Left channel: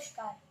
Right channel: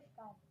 buscar.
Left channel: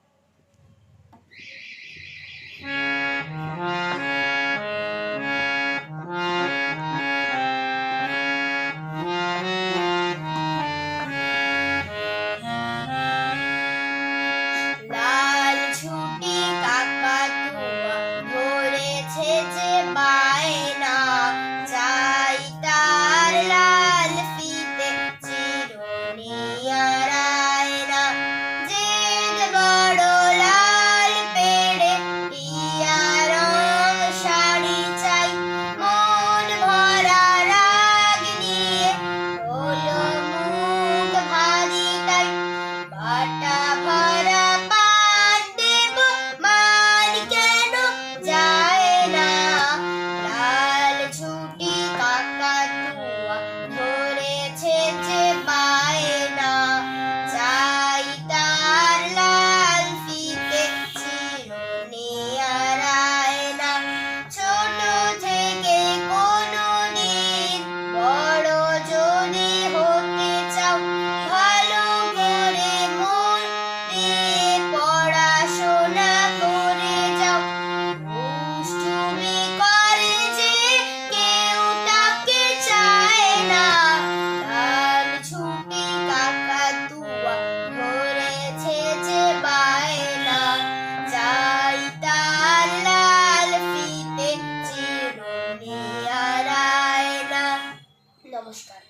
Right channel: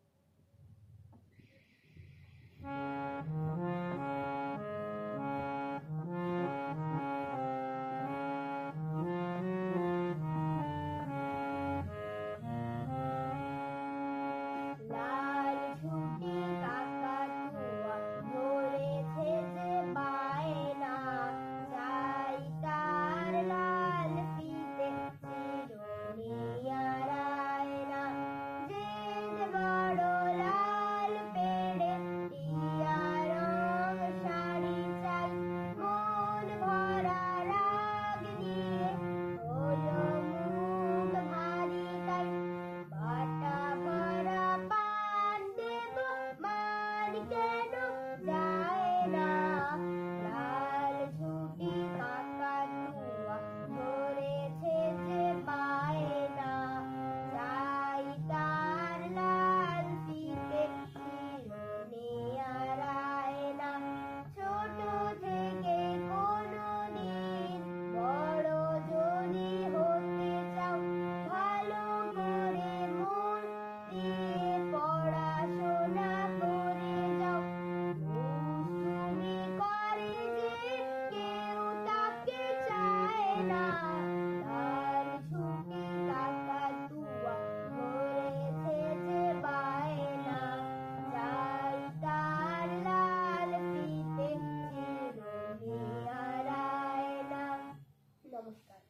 costar.